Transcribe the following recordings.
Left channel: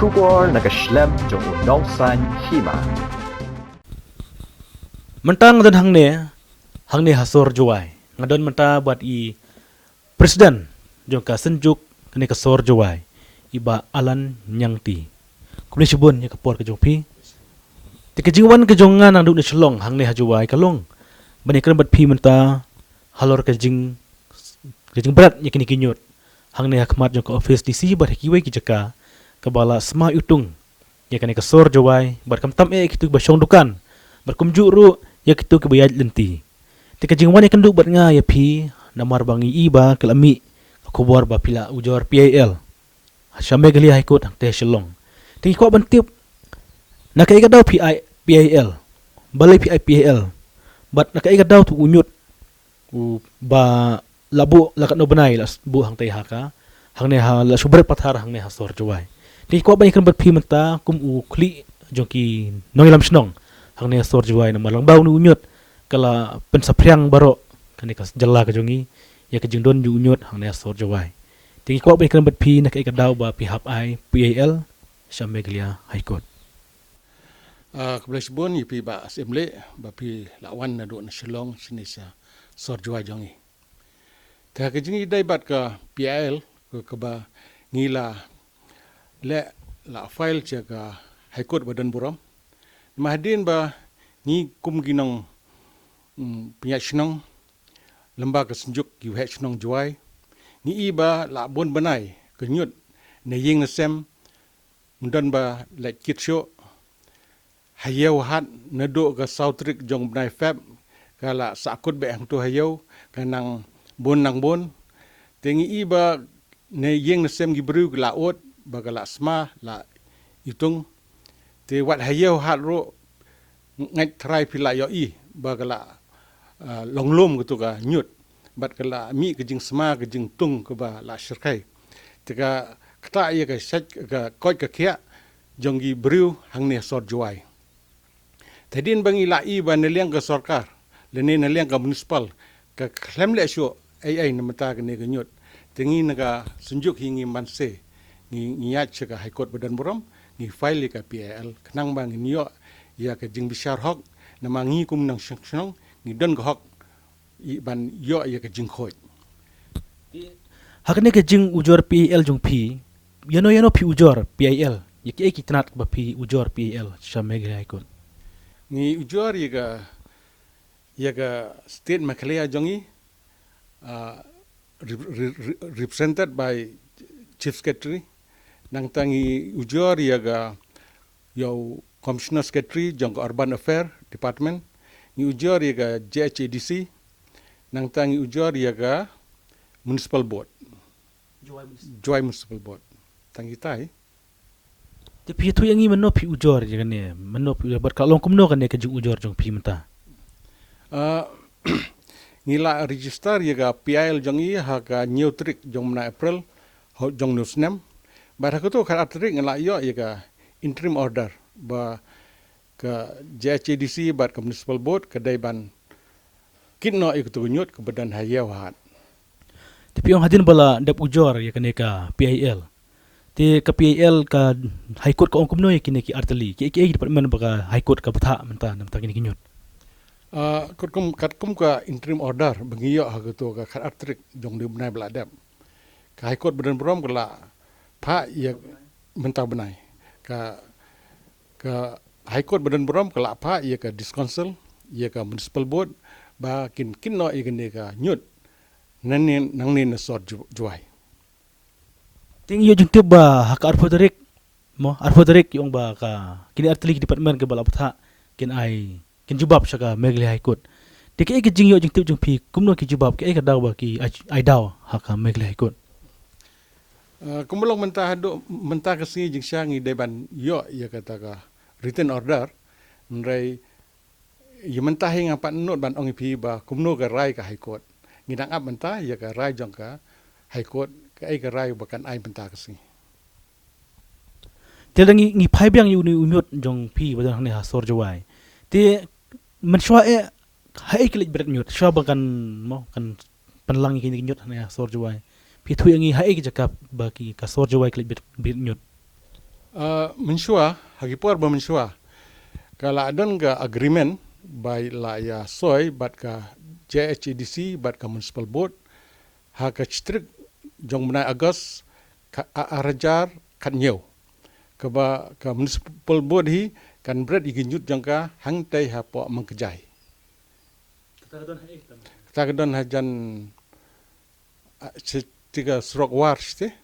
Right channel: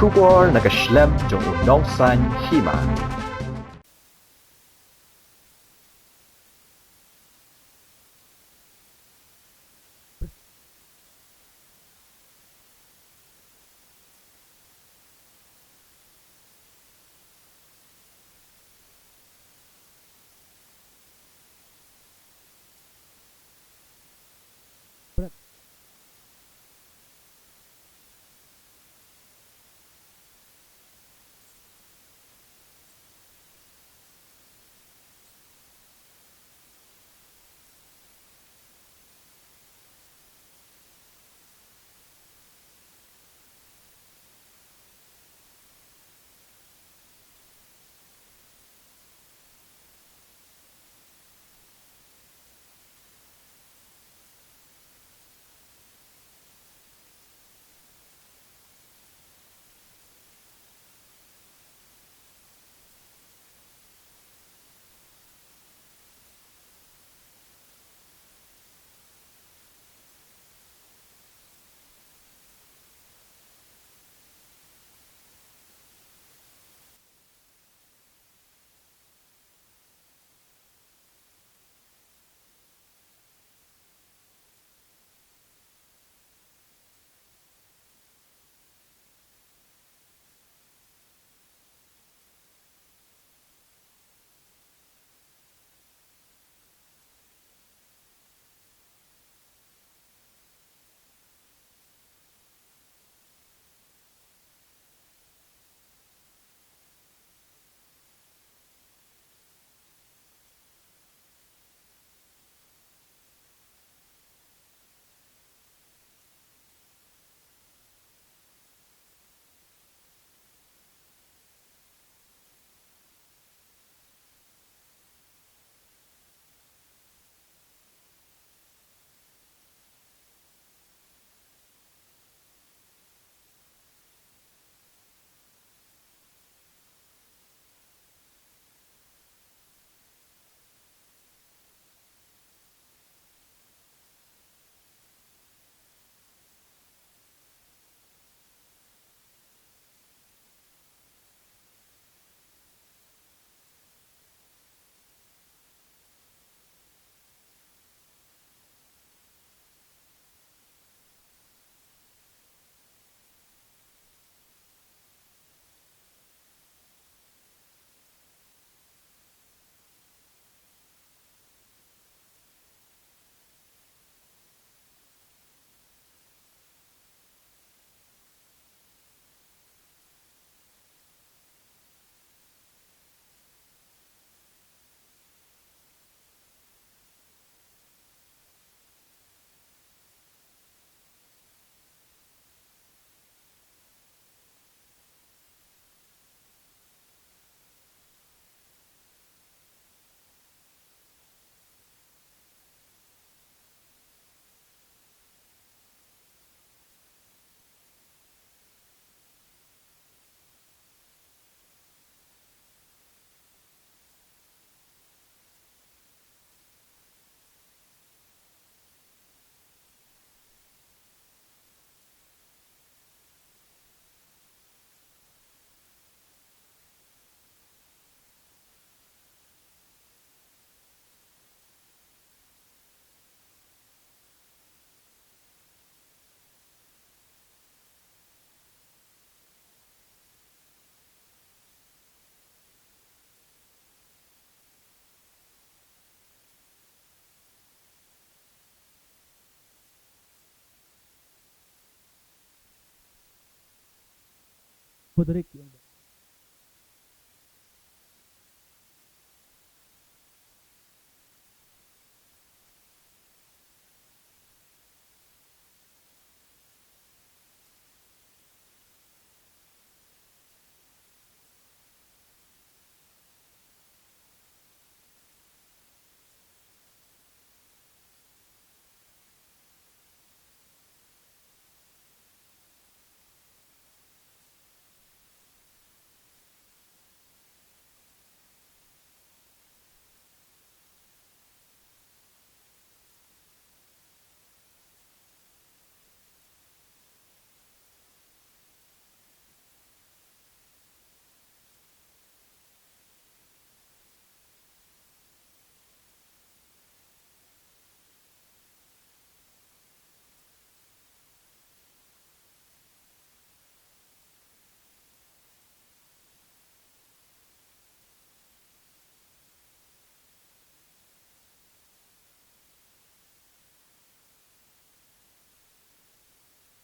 Shubor nakaslem jong unongsan hima. Mentang dan hang ne hasor juai. Ngadon menta buat i presiden jong ka senjuk kene ka sor juai. Iba alan nyangti. Kumne sibun nya kapor ka jong pi. Ti ka jingwan ka jongan ang duk na chlong hang ne hajuai kalong. Bani kan bat pi menta halor ka jing berat nya kini kinyut. Hang ne hakmat jong ka office DC bat kiwai ki jaka kabala sma utung. Ya kene ka sor juai bat kam tam kitu ba syong dukan. Bat kumju ru ya kitu ke bayad lenti. Tika jingwan ikan duk bat nga ya pi namar bangi iba kelami kubor ba pila ujor PAL. Syame gali haikut hang teh shelong. Tingi ko bantip nakai daw PAL. Balai PAL. Bat nakai daw tu unyut ba labu lakat no benai las bu hang teh haka. Hang ne ha la subret pathar hang ne ha sor juai. Tingi ko ban ikan bat pi menta kum u kli jongki nongilam snong. Hang ne sor juai na malang bau nu unyut kala pensapriang baro kani kas jalla ka jongi ya ka jingdon ju unyut hang ne sor juai tingi ko ba kan bat pi na ka daw ba pi hap ai PAL syame glia high court kebelas bon yipi ba assembly ba pi lawan na do na shillong sini sa sor juai jongi ta ka jingi dai bat ka PAL ka ba ngila le la file cha ka high court badan buram mahdin ba ni kum ginong penyak senong lembaga senjuk yu het senong juai ni iba la bon banai kenyut ne ying na sem mundan ba la kit sho hayau hat na do ga sautrik jong banai fab kala sakut be hang tu hayau kanang bon nang bon tengi iba ne ying na sem gi bru la ot ba la sma la itung te wat hayau hat ro ngai try pila yo i ba la longlom gitu ka nyut bat kala mi ke jing sma ke jing tung ke ba la syirkai tika kata ye ka sat ka koi ka kia jonggi briu hang ne sor juai tadin bangi la i ba ne liang ka sarkar le ne liang ka municipal ka klem le sho ai na mata ke ne ke nyut tingi na ka sunjuk hingi manse ni ya ka high court badan buram ni file ka PAL knang bang ni yo ya ka jing bishar hok na mangi kum nang shong ni don ko hok ban yo ya ka jing khoj hakne ka jing ujor PAL jong pi yano pi ujor PAL ya ki tanat ba pi ujor PAL syame glia high court ni ujor ya ka state makalaya jongi represented by chief secretary nang tangi ujor ya ga yo commissioner secretary jong urban affair department ni ujor ya ga JHADC nang tangi ujor ya ga municipal board joy municipal board tangi tai te pi tu yangi mano pi ujor ya ne mano pi bat kalong kumno kan ne ka jing ujor jong pi menta ngila register ya ga PIL jongi ha ga neutrik jong na April ho jong nusnem ba ha to kha atrik ngila yo ya ga interim order ba ke JHADC bat ke municipal board ke daiban kinno ikut nyut ke badan hayau hat tapi yang hadin bala dap ujor ya kene ka PAL te ka PAL ka high court ka ongkum no ya kene ki artali ki department ba high court ka batha menta namta kini kinyut katkum ka interim order bangiyo ha to ka khat atrik jong de benai bladam ka high court badan buram kala pha ya menta benai ka high court badan buram kala apa ia ka discouncil ia ka municipal board ba kinno igene ka nyut nang ne sor juai ting yo jung ba hak arfodarik mo arfodarik yung ba ka kini artali department ke bala batha kin ai kin jubab saka megli high court tik e jing yo jung pi kumno ki jubab ke ka daw ba ki ai daw hak megli high court kumulong mentah kasi jing syangi deban yo ya kata ka written order nrai ya mentah hing apa not ban ong pi ba kumno ka rai ka high court ngidang ap mentah ya ka rai jong ka high court ka ai ka rai bakan ai mentah kasi telangi ngi phai byang yu ni unyot jong pi badan ne ha sor jawai te man shwa e hai klik berat nyot shwa bakan mo kan panlang kini nyot ne ha sor jawai pi thu yangi hai ki jakap ba ki ka sor jawai klik berat nyot Mensua hagipor ba mensua kala adon ga agreement by la ya soy bat ka JHEDC bat ka municipal board ha ka chitrik jong menai agos ka arajar kat nyeu ka municipal board hi kan bread iginyut jong ka hang tai ha po mangkejai ta kadon hajan tiga srok war ste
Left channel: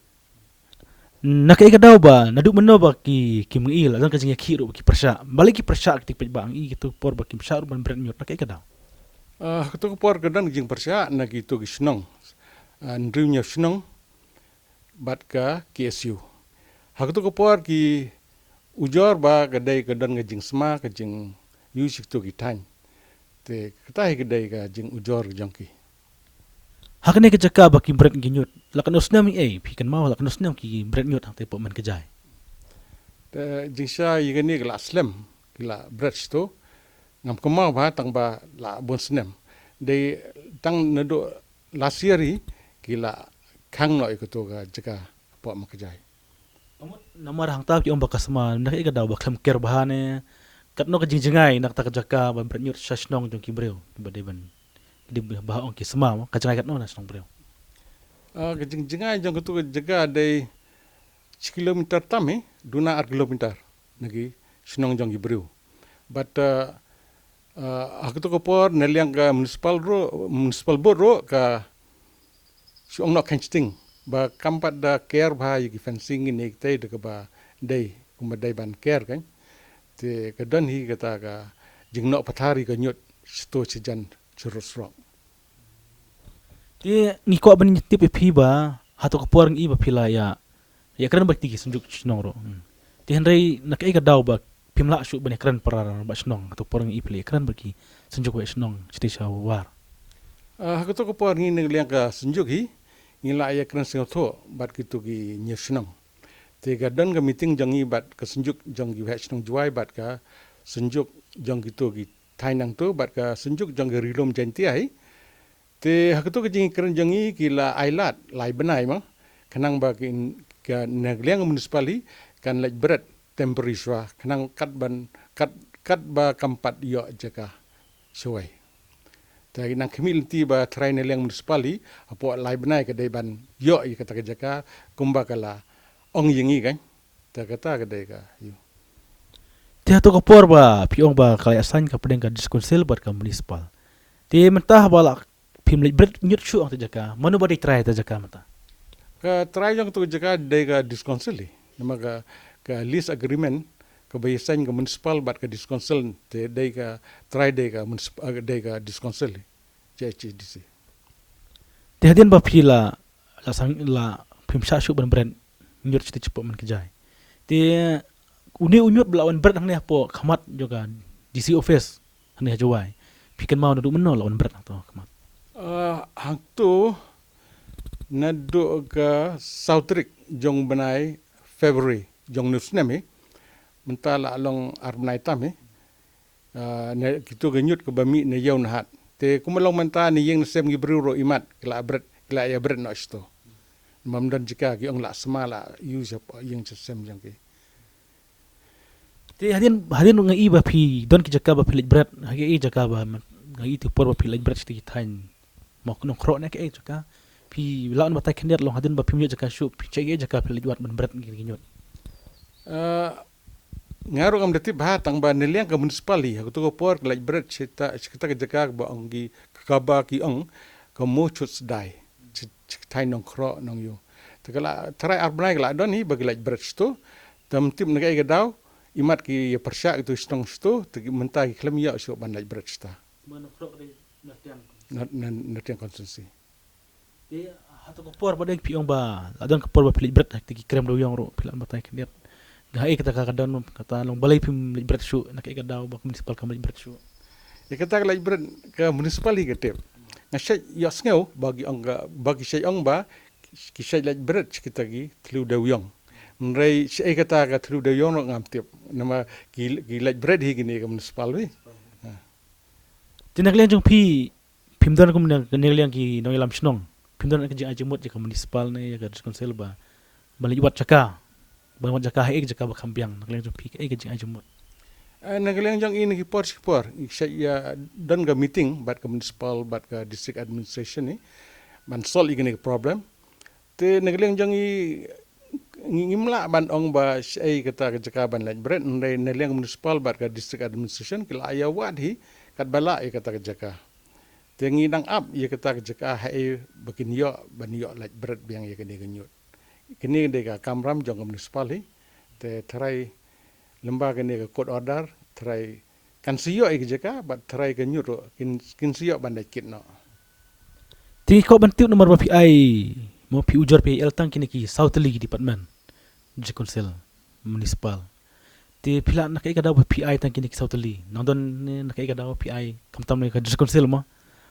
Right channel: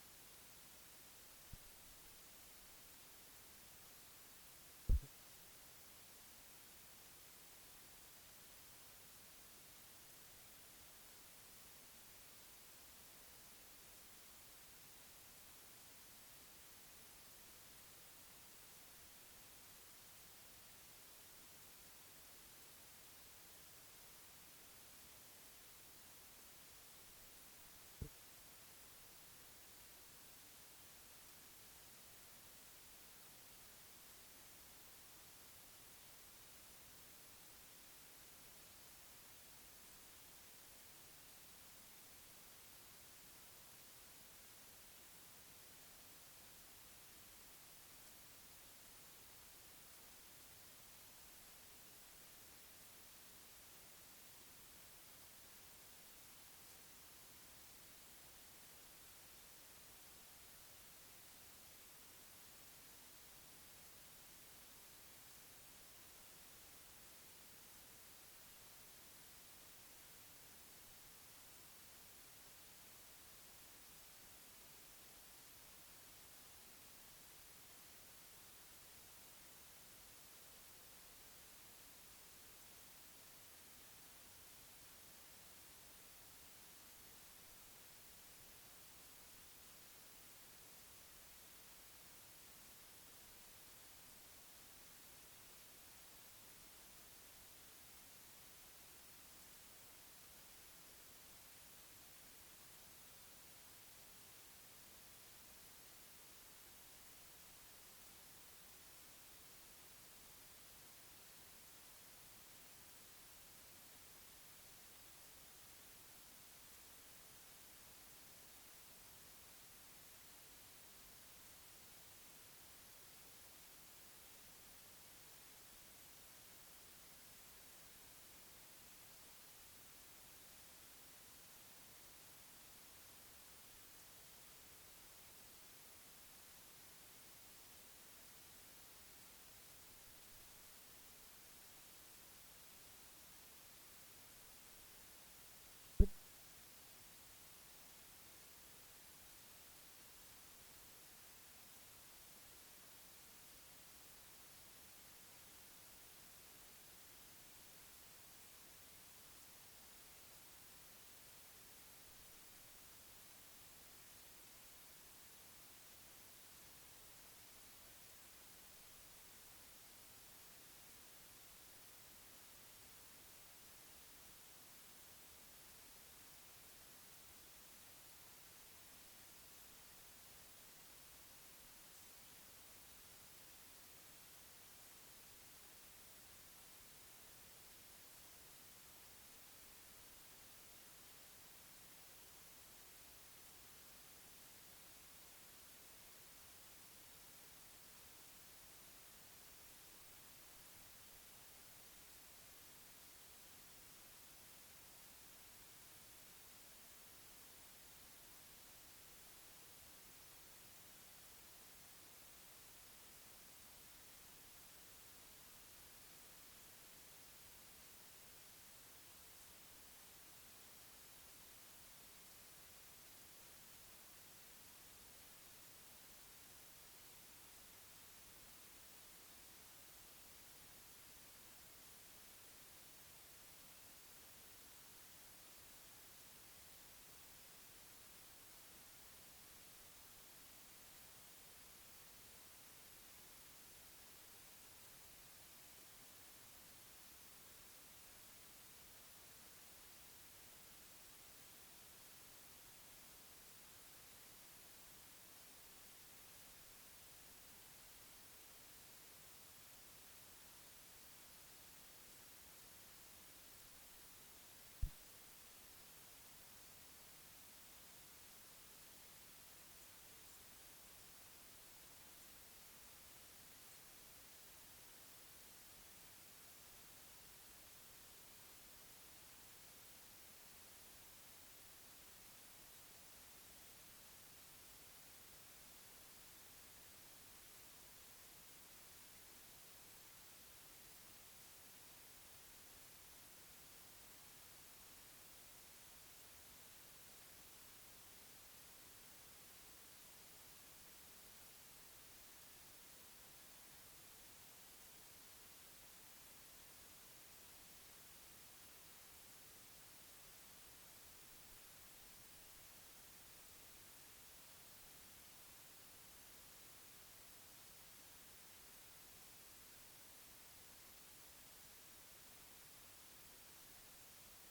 Nakaikadaw ba naduk meno ba ki mengil adan ka jing ki ro ki persya balik ki persya ki pej bang i gitu por ba ki persya ban bret nyot nakaikadaw ketu por kadon jing persya na gitu gisnong andriu nya snong bat ka KSU haktu ko por ki ujor ba kadai kadon ngajing sma ka jing music tu ki tan te katai kadai ka jing ujor jongki hakane ka jaka ba ki bret ginyot lakan osnam i pi kan mau lakan osnam ki bret nyot te po man kejai te jing sha yigani la slam la bret sto ngam kemau ba tang ba la bon snem de tang nado last year hi kila khang noi ko to ga jaka po ma kejai namar hang ta ki om ba kasma nakaikadaw ba klam ker bahane katno ka jingjengai nak ta ka jaka ban bret nyot sasnong jong ki breu ba de ban di bahong ki sema ka jangai katno na snong breu Kejing jengai jong tu jaga dari kilometer tami, duna ar kilometer nagi senong jong gibriu. But aku tu kopor neliang ke municipal board ro ka siong nak kencing ba kampat da care ba yigi fencing ini kita de ba day kumadai ban care kan. Te kadon hi kata ka jing nok pathari ka nyot sto sejan curus ro. Ti ngiko ban tip pi ba hato ka porang iba pila ya kran ba tigi sunjuk snong ro ti henry nakai ka daw ba pimla shu ban kran parar ba snong hato porang i pili kran ba ki sunjuk ba snong chiti sa war Aku tu kopor ni ngliang ka sunjuk hi ngila ya kran sing tho bat kitu ki nyesnong te gadon ga meeting jong i bat ka sunjuk jong gi snong juai bat ka sunjuk jong kitu ki thainang tu bat ka sunjuk jong ga rilom janti ai te hak tu kejing keren jangi kila ailat lai benai ma kenang ba ka nagliang municipali kan lek berat temporary swa kenang kat ba kampat yo jaka suai te nang community ba try nagliang municipali apo lai benai ka dai ban yo i kata jaka kumba kala ong yingi kan ta kata ka dai ka yu ti hato ka por ba piong ba kala asan ka pedeng ka diskonsil bat ka municipal ti mentah bala pim lek bret nyut shu ang jaka manu ba di try ta jaka mata ka try jong tu jaka dai ka disconsili nama ka lease agreement ka bayasan ka municipal bat ka disconsil te dai ka try dai ka municipal dai ka disconsili JHDC ti hadian ba pila la sang la pim sha shu ban bret nyut chiti cepo man kejai ti uni unyut belawan bret ang ne po khamat juga DC office hane jawai pikan mau nadu menol lawan bret to khamat hang tu nadu ka Southrick jong benai February jong nusnemi mentala along arbenai tami ne kitu genyut ke bami ne yaun hat te kumalong menta ni yeng sem gi bru imat kila bret kila ya bret no sto mamdan jika ki ong la semala use yeng sem jang ki ti hadian ngai ba pi don ki jaka ba pilik bret hagi i jaka ba ngai tu por ba pilik bret sti tain mok nong kro ne ke jaka pi lawan batai kendiat long hadian ba pi mi jaka shu pi chege jaka pilik wat ban bret gi nyot ngaru am dati bah tang ba neliang ka municipali aku tu ko por like bret kita ke jaka ba ong gi kaba ki ong ka mo chut dai tain nong kro nong yo tekala try arbenai la don hi bagi like bret sto tam tim ne ga daw imat ki persya itu stong sto tegi mentah ki klem ya so ban like bret sta natiang konsumsi ti hato ko por ba deng pi ong ba adon ko por ba pilik bret ti krem do yong ro pila batai kendiat gai kata kadon kata long balai pim bret shu nak ikat daw ba municipal kam bret shu ya kata like bret ke municipali ke tep ngasai ya sneu bagi sai ong ba ki sai like bret kita gi tlu da yong nrei sai kata ka tlu da yong ngam tep nama ki like bret hi gini ke municipal wi tinak liang jong pi pimdon ko ne liang ki no ilam snong pimdon ka jing ajimot ka municipal ne ka konsel ba balik wat chaka Bang jaka hai jaka bakambiang nakleng jong pi ai gajing ajumut. Nagaliang jang ini kipor saya dan ga meeting bat ka municipal bat ka district administration ni ban sol igini problem te nagaliang jang ngimla ban ong ba ai kata jaka ban laj bret nagaliang municipal bat ka district administration kila aya wad hi kat bala kata jaka te nginang up ye kata jaka hai bakin yo ban yo laj bret biang ye kini ganyut kini de ka kamram jang municipal hi te try lembaga ni ka court order try kan siyo ik jeka but try ka nyuro kin siyo bandai kit no Tingi ko bantiu nomor ba pi ai mo pi ujar pi el tang kini ki South League Department je council municipal. Ti pila nak kai kada ba pi ai tang kini ki South League. Nandon nak kai kada ba pi ai kamtam ni ka je council mo.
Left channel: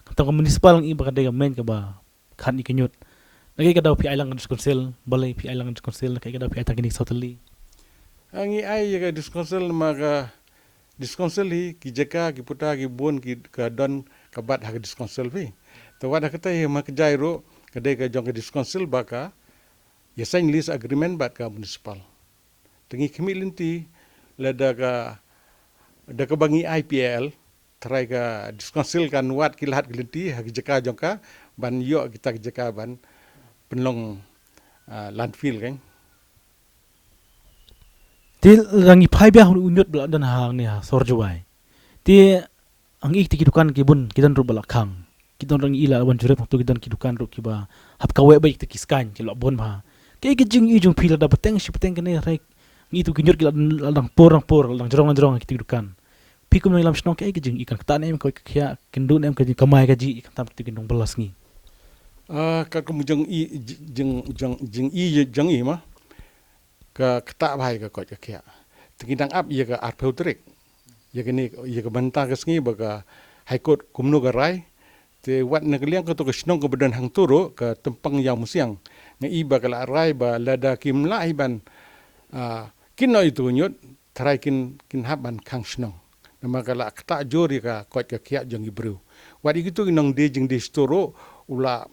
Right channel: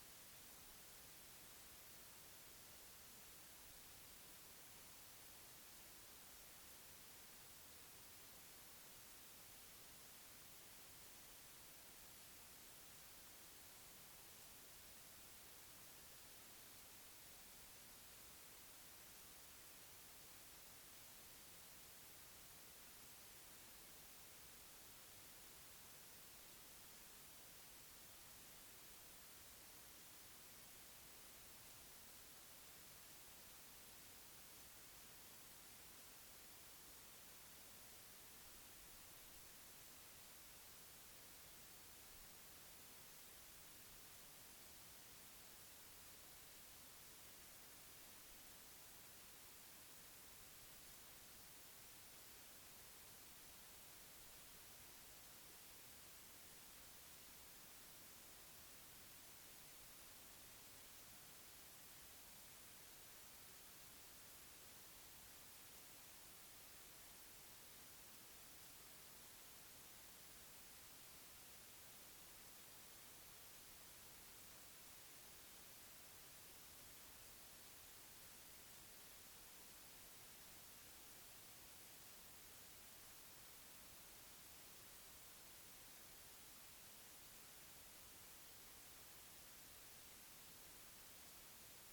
Kamtam ka municipal ang iba kada main ka ba kan ikinyut. Nak kai kada ba pi ai lang je council balai pi ai lang je council nak kai kada pi ai tang kini South League. Angi ai ka diskonsel maga diskonsel hi ki jeka ki puta ki bon ki ka don ka bat ha diskonsel vi to wada kata hi mak jairo kadai ka jong ka diskonsel baka ya sign lease agreement bat ka municipal tengi kemilinti lada ka da ka bangi IPL try ka diskonsel kan wat kilat kilinti ha ki jeka jong ka ban yo kita ki jeka ban penlong landfill kan Ti rangi pai bia unyut bela dan hang ni ha sorjowai. Ti ang ik ti kidukan ki bun kidan ru bela khang. Kidan rangi ila wan jurep tu kidan kidukan ru ki ba hap kawe ba ik ti kiskan ki lo bon ma. Ke ki jing i jung pila da peteng si peteng kene rek. Ngi tu kinyut ki ladang por lang jorong ki kidukan. Pi kum lam snong ke ki jing ikan ktan em ko kya kindun em ka ji kamai ka ji ikan tam ti kindung belas ngi. Ka kum jeng i ma ka kata bahai ka kot ka kya tikidang up ye ka arpeutrik ye kini ye ka banta ka sngi baga high court kumno ka rai te wat na kaliang ka to ka snong ka badan hang turo ka tempang yang musiang nga iba ka la rai ba lada kim la iban kino itu nyot try kin haban kang snong nama ka la kata jori ka kot ka kya jong ibru wat igitu nong de jing de storo ula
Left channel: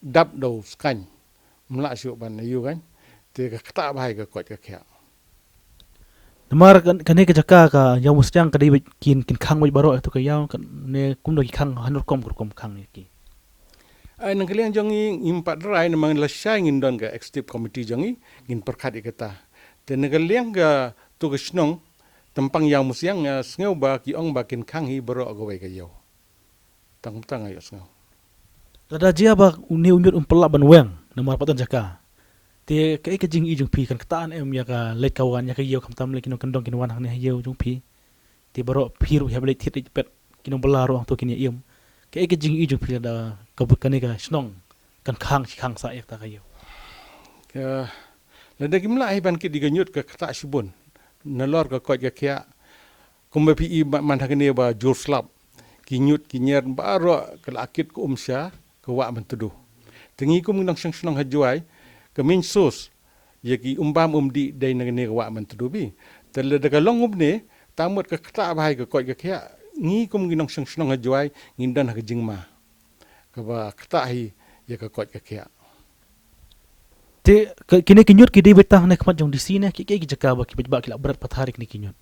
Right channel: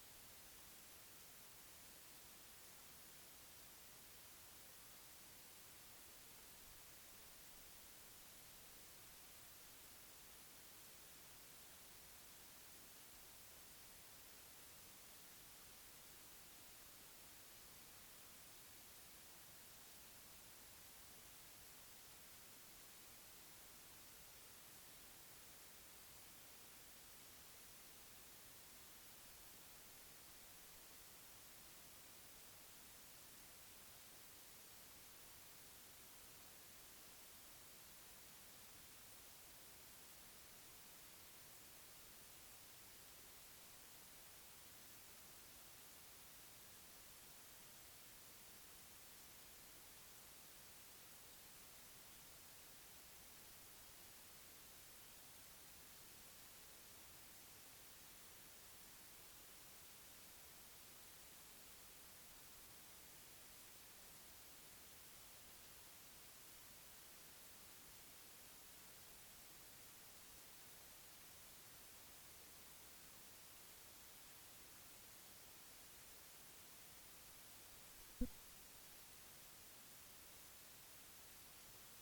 dap do skan mla syu ban yu kan te ka kata bahai ka kot ka kya Namar kane ka jaka ka yaw mustyang ka dai kin khang bai baro tu ka yaw ne kum do ki khang hanur kom khang ni ki. Ai nang kalian jongi impat rai namang lasai ngin don ka executive committee jongi ngin perkat ikata te nang kalian ka tu ka snong tempang yang musyang ngeu ba ki ong ba kin khang hi baro ka wai ka yaw tang ayo ngeu Lada jia ba uni unyut umpela ban weng namar patan jaka. Te kai ka jing i jung pi kan ktaan em ya ka lek kawan ya ka yew kam tam le kinong kandong kinwan hang ne yew jung pi te baro piru ya bele tit pet kinong belaro to kin yem kai ka jing i jung pi da ka bukane ka snong kan khang sa ek ta ka yew ka lada kimla ai ban ki diganyut ka kata sibun nalor ka kot ka kya kumba pi i man hakene ba jur slap kinyut kinyer baro ka akit ku umsya ka wa man tudu tengi kum nang sang snong hajuai kamin sos yaki umbam di dai nang ne wa man tudubi tel da ka long ne tamut ka kata bahai ka kot ka kya ngi kum ginong sang snong hajuai ngindan ha jingma ka ba kata hi ya ka kot ka kya te kini kinyut ki dei betang ne kmat jong di sine ki jaka ba ki ba ki la berat patharik ni kinyut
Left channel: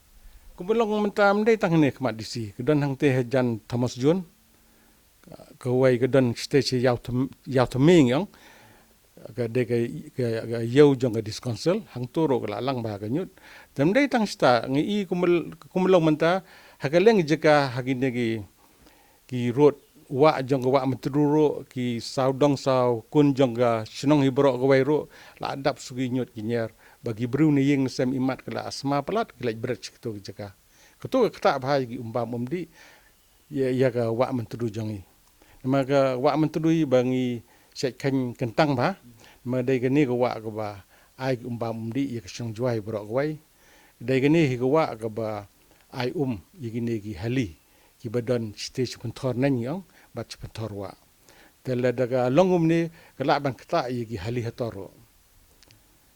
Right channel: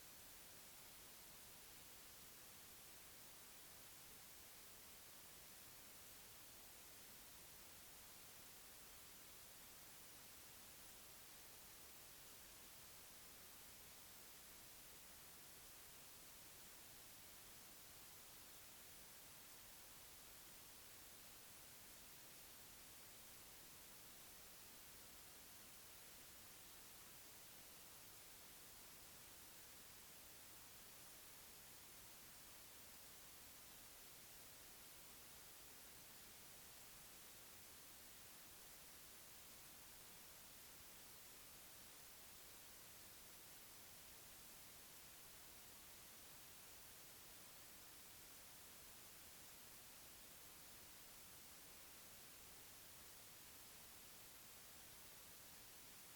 kumbulong mentam dai tang ne kmat disi kedon hang te jan Thomas John ka wai kedon stage yaw ming yang ka de ka yew jong ka diskonsel hang turo ka lang ba ka nyut tam dai tang sta ngi i kumulong menta hakaleng jeka hagine ki road wa jong ka wa menturo ki saudong saw kun jong ka snong hibro ka wai ro la adap sugi nyut kinyer bagi bru ni yeng sem imat kala asma palat kala brech to jeka ketu ka bahai ki umbam di ya ka wa menturu jongi maka wa menturu bangi sek kentang ba ma dai gani ka wa ka ba ai umbam di ya kasang juai bro wai dai gani hi ka wa ka ba ai yigini ki hali ki badon stage pentor nan yang bat pentor wa tela daga longum ni kala ban kata yigi hali hatoro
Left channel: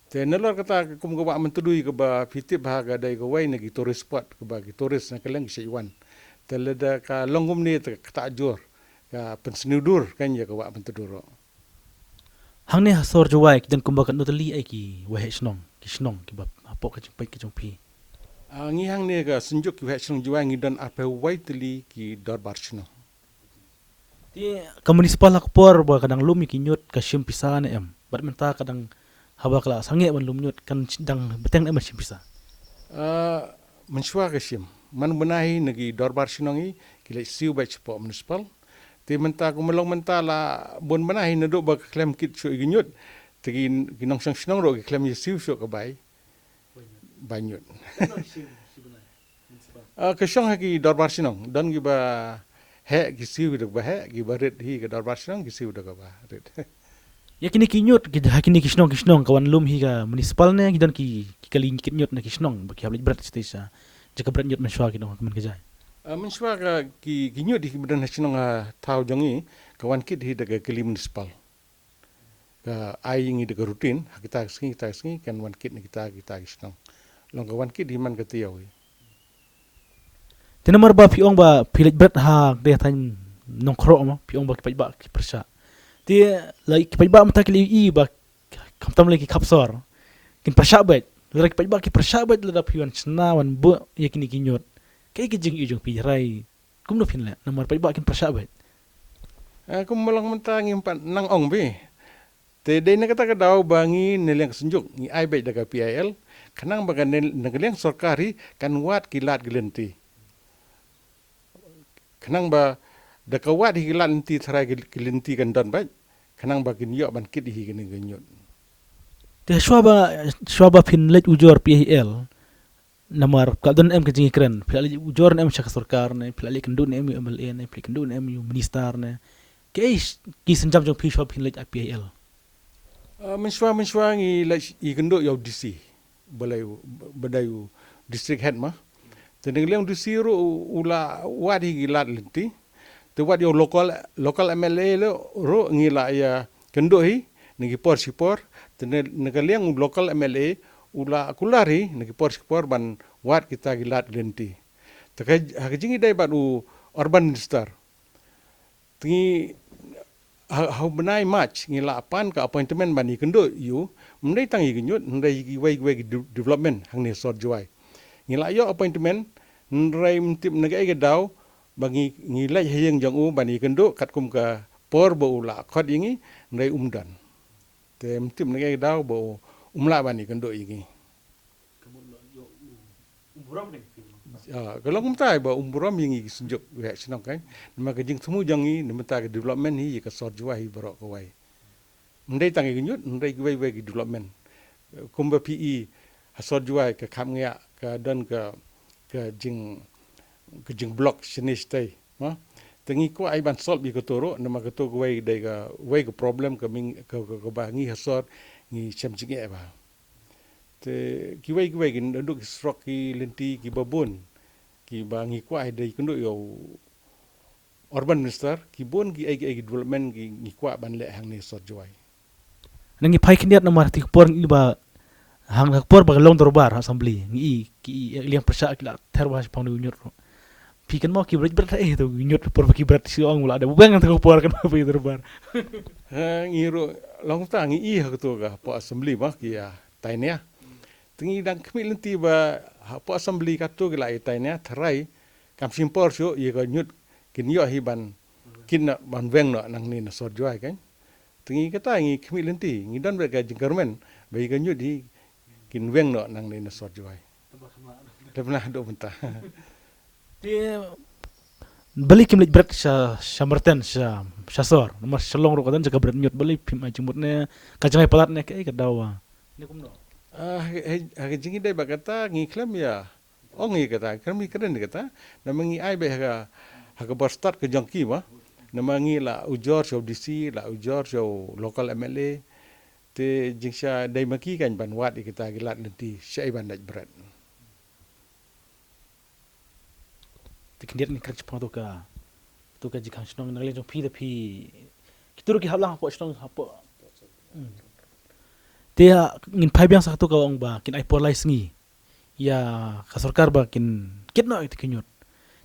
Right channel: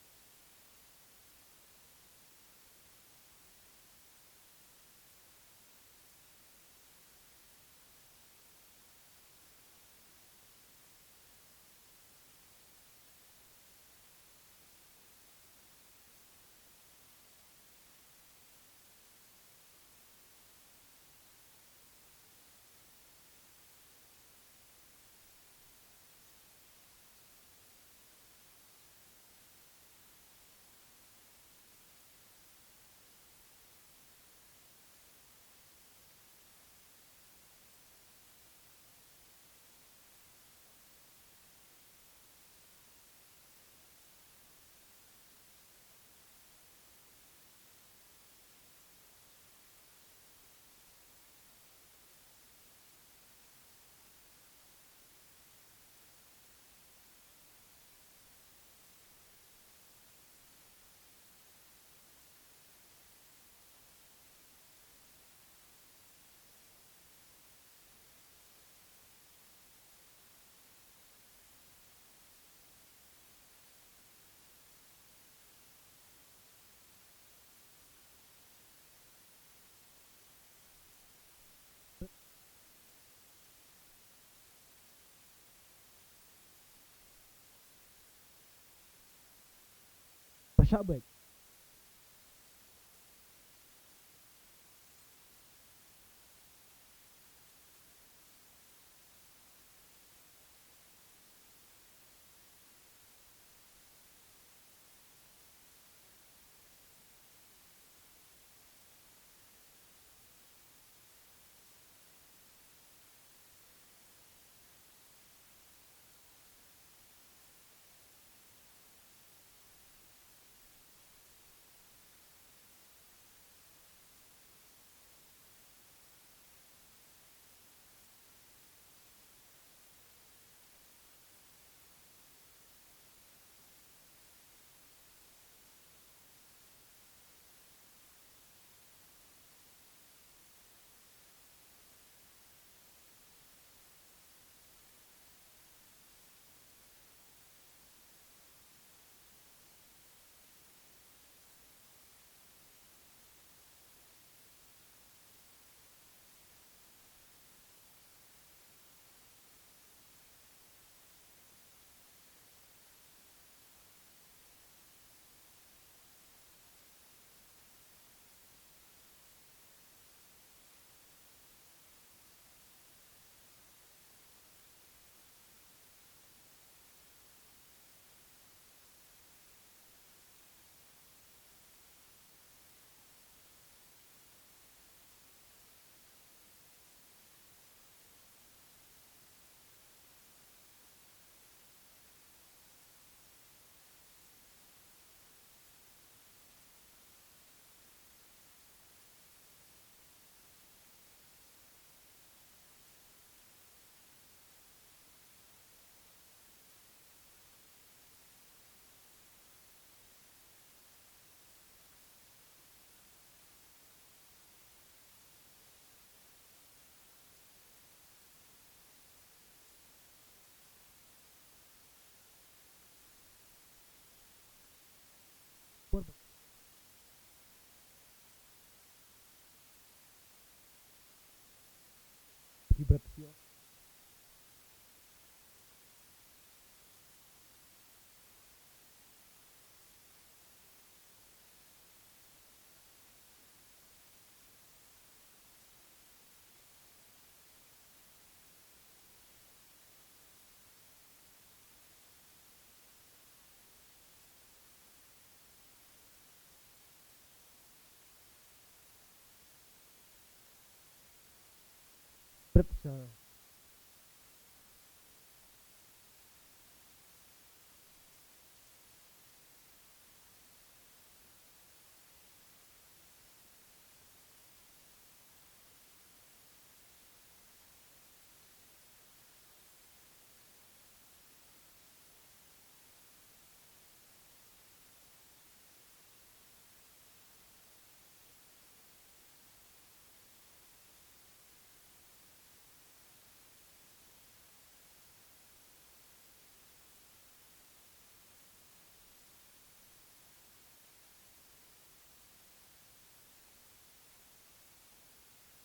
te nelor kata kum ka wa mentudui ka ba fitip ha ga dai ka wai na ki tourist spot ka ba ki tourist na kaleng si wan tela da ka longum ni kata jor ka pensnudur kan ya ka wa mentuduro hang ne hasor juai dan kumbakan notali ai ki wahe snong ki ba pok ka jumpai ki jumpi. Ngi hang ni ka senjuk ki wek Shillong Juai ngi don apa waitili ki Darbar Shino. Ti ka municipal ak por ba kadang lumi kinyot ka simpisa na em. Bat menta kadang haba kala sange ban lumnyot kan dang beteng em simpisa. Mensua ka sim. Man benahi nagi Darbar Shino ngi ki lek siu baik cepo municipal. Ti menta ku melong menta la bon benahi naduk ba klem kit syo ginyot. Tegi ginong sang Shino ro ki klem ye siu syo ka bai. Banyut. Kesyong haki Darbar Shino don gi ba he ki siu dak ba he gi ba red hi ka Darbar Shino gi siu dak ba red. Ya kini kinyot ki hakini kisnong kawan lum hi ka municipal ne gidan ki kali kinyot na kisnong ba ki hablit berat stesa. Jaka berat nyot mensua ki dong man kajai. Mensua ka ki ginyot di bedan Shino tau jongi kawan kit hi dak kali municipal. Ka ai ngi dak rutin kita sengi kan wan kit ni kita Shino. Long kawan kit di man ka tiaw. Tinamar ba piong ba pilit berat ha de tan nongkro ma piong ba ki ba ki persa. Ti lai ki ba mata ki i ba kamtam lagi kapsor. Kin persa bet. Lagi ba ki persa bet la pion sna wan bu ya kini kinyot. Kai ki jing i jong pi rai. Kum no pin la namar ba kin persa bet. Kum melong menta ngi empat nang ong bi. Te de na kata ka daw bangi nileng senjuk ngi ai bet daga PIL. Kanang baga nagaliang sorkari kan wat kilat gelenti. Kanang ba dakawat higilat lenti tharai gelenti kan don baik. Kanang ba kinyo ban kit hi gini genyot. Ti shwaba pin let ujor PIL. Namar kadon em kajing kren. Pilali ujor em syaka sorkar ne, pilali kendun em MLA ne, pilali kendun em minister ne. Kai ki senjam jong pi shwaba pin let PIL. Mensua ngi let i kenduk yaw DC. Badayu district head mah. Tendang liang DC ru ula wadi gilat lenti. Te wadi yo local MLA lo ru ngila ya kendo hi ngi por sipor. Tendang liang local MLA ula kulari ngi por sipor ban wad kita gilat lenti. Takai hakijingi dai batu urban minister. Tingi hau benai match ngila apan ka appointment bani kendo yu mendai tangi genyut mendai wai development hang ni sort juai ngila yo appointment ndrai mtip nagai daw bagi ngilai hayeng jong u bani kendo kat kum ka por bo ula khot ingi ndai umdan te mtip nagai daw bo umla bani kendo ingi kalau kumtai ba umburam yang senjuk wek senang kan nama kejing semu jangi nama tak development hi ka sort juai barok kawai ndai tangi genyut ndai wai development kumba PE sort juai ka kham ngya ka dan ka jing blok sinis tai ma tengi ko ai ban solve bi ko toro nama ka to wai dai ka wai ka problem ka ming ka ba ngi sort ngi chem jing e ba te ki wai gin nduk stroke ki lenti ki babon ki bangi kwa dai kendo yo urban minister ki bon ki ai development ki ngi kwa ban le hang ni sot joy Nangi pai kiniat namar ti por ngi ba hang por ba long dorbar assembly ngi ki liang persa ki la terwa pang nyur pi kan mo ki berat to nyur por ki berat si ong la ada bang to por kan ba dorbar ngi ro long ta ngi i ha to ga po assembly ba ki ya tainya tingi dang kmi lenti ba po assembly ka to gila tainya tharai kam simpor syo ye ga nyut kin yo hi ban kin na ban weng no nang ni na sot joy kan tingi kata ngi kmi lenti ngi dan ba ga government ba ga nyut hi kin weng no nang ni na sot joy pernah do mentah dia balik kim berat sa merten sa sor mas selong ro kadan jaga berat nyut balik pim ajumutne kajangai palatne kai kadawa ni kumno jingi dai bagata ngi klem ya ongi kata kami keren kata namangi ai be ha start ke jangki ma namangi la ujor so DC la ujor so local MLA te jingsha dai maki kan ban wat kita gilat lenti syai ban daj berat tikindiat ni kerja pang tu ka jikang snong nagle jong pi kituru ki hablang hapo snong hapo dia ngin pai biang satu ka ong ba kin ai por lai sngi ya kasorkar ba kin kitno it kinyot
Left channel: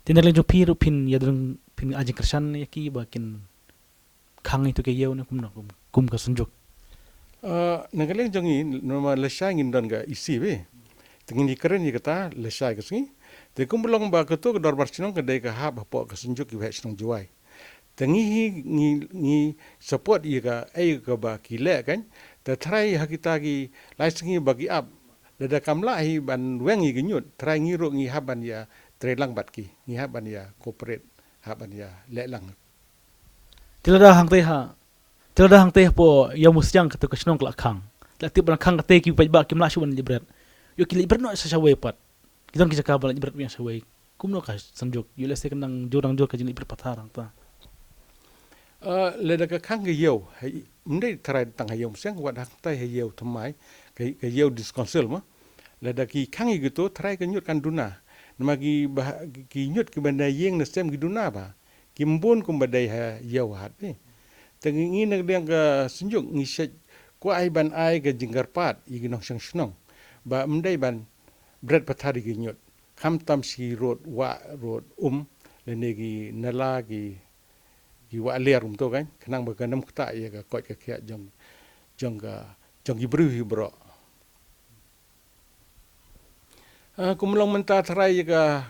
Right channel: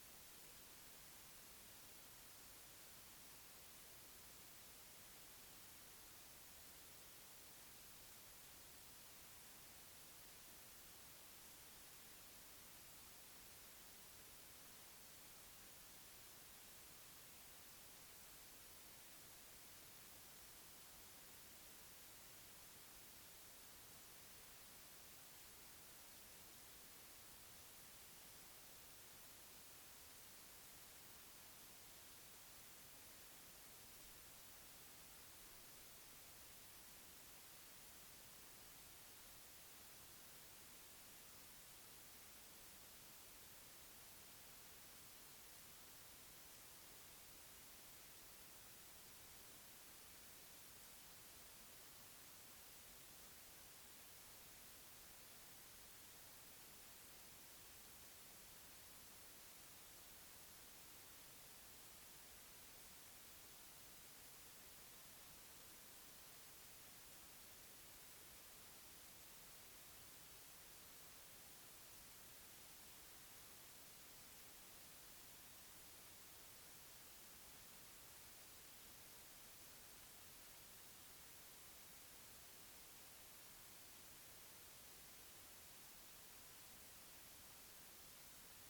tin nagle jong pi pin ya dong pin ajing kersan ya ki ba kin khang itu ke yeu na kum ka sunjuk nagaleng jongi normal lesha ngin don ga isi be Tengin di keren ni kata lesai ke sini. Te kumulong ba ketu ke dorbar sinong kedai ke ha bapo ke senjuk ki wahai sinong juai. Tengi ngi support ia ka ke ba kile kan. Te try ha kita ki laisengi bagi up. Dada kamla hi ban wengi genyut. Try ngiru ngi haban ya trelang bat ki. Ngi haban ya corporate haban ya lelang. Tilada hang teh ha. Tilada hang teh po yang musyang ketu ke sinong kelak kang. Latip ban kang kate ki pajba ki mlashu ban jibrat. Yo ki librat no sa sawe pat. Kita kisah kabel jibrat yang sawe. Kumno ka sanjuk. Yo lese kenang jurang jur ka jini librat patharang ta. Leda ka kang ke yau. Mendai try tang hayau musyang wat hang tai hayau thamai. Ke yau diskonsil ma. Leda ki kang gitu try ke nyut kan duna. Nama ki nyut ki bandai yeng na sem ki duna ba. Ki mbon kum bandai yau hat ni. Tengi nak dia ke senjuk ngi set ko ai ban ai ke jinggar pat i ginong sang snong. Ba mendai ban bread pathari ki nyut. Kam tam si road lene ki nala ki wa ler to kan. Kenang ba kanam kta ya ka kot ka kya jong ki bru hi bro. Kumulong menta tharai ka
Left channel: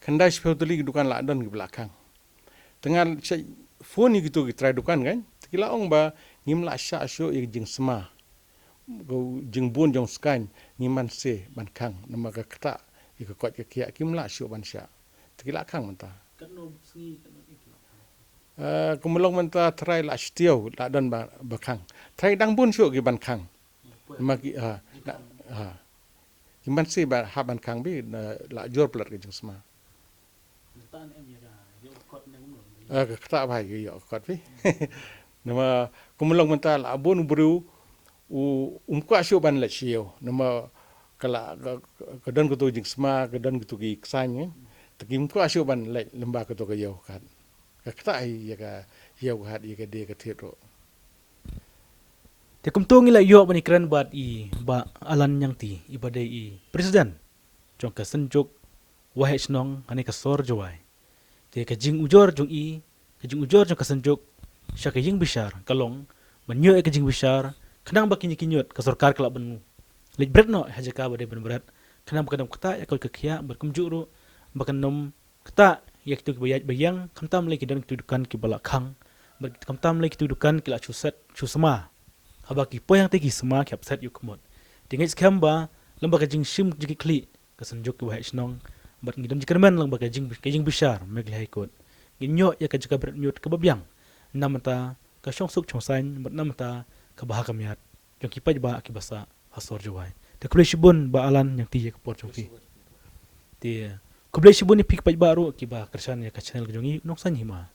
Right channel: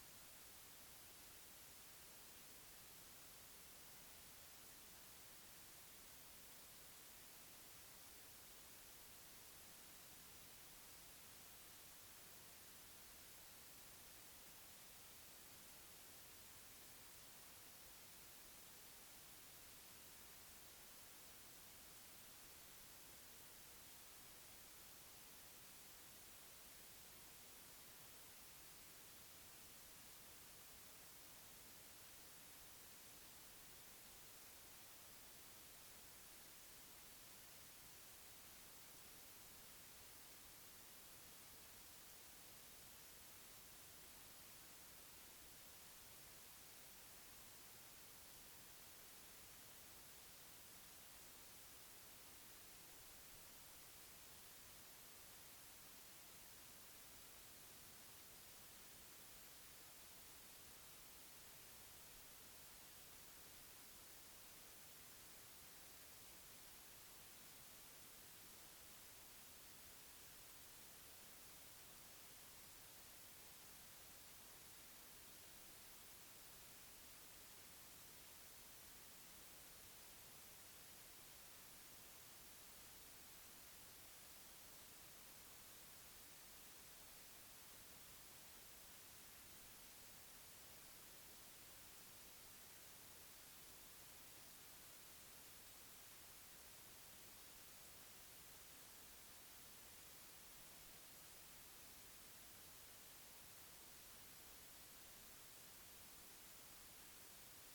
khandai speutuli dukan la don ki belakang. Tengah phone ni gitu ki try dukan kan. Kila ong ba ngim la sha syo i jing sma. Go jing bon jong skan ngiman se ban kang nama ka kta i ka kot ka kya kim la syo ban sha. Kila kang menta. Kumulong menta try la stiau la don ba kang. Try dang bon syo ki ban kang. Nama ki Kiman se ba ha ban kang bi la jor plat ki jing sma. Kata ba ki yo kot pi. Nama kumulong mental abon bru kwa syo ban la sio. Nama kala kadan ko to jing sma kadan ko ki ksany. Takim kwa syo ban la lemba ko to ka yo kan. Kata ai ya ka yo hat ya ka de ka thero. Te kumtung ila yo bani kran bat i ba alan yang ti ibadai i presiden. Jong ka senjuk wahai snong ani ka sor jawai. Te ka jing ujor jong i ka jing ujor jong ka senjuk sya ka jing bishar kalong menyo ka jing bishar kenang ba kinyut ka sarkar kala benu. Lej bret no haja ka badai ben bret. Kenang ba kadam kata ya ka kya berkum juru ba kanom kata ya kitu bayang kamtam le kidan kidukan ki balakang. Kamtam le kidukan ki la chuset chusma. Habaki po yang tegi semua ki upset yu kumot. Tingit skamba lamba ka jing sim jiki kli ka sanjuk ki wahai snong bat ngidon jikerman lamba ka jing bishar meg lai kot. Ginyo ya ka jika bret nyut ka babyang. Namata ka syong suk chong sain bat namata ka baha kamiat. Jong ki paj ba ki basa hasor jawai. Te kublai shibun ba alan yang ti ya ka por jong ki. Te kublai shibun ni pik paj ba ru ki ba kersan ya ka channel ka jongi nong san hima.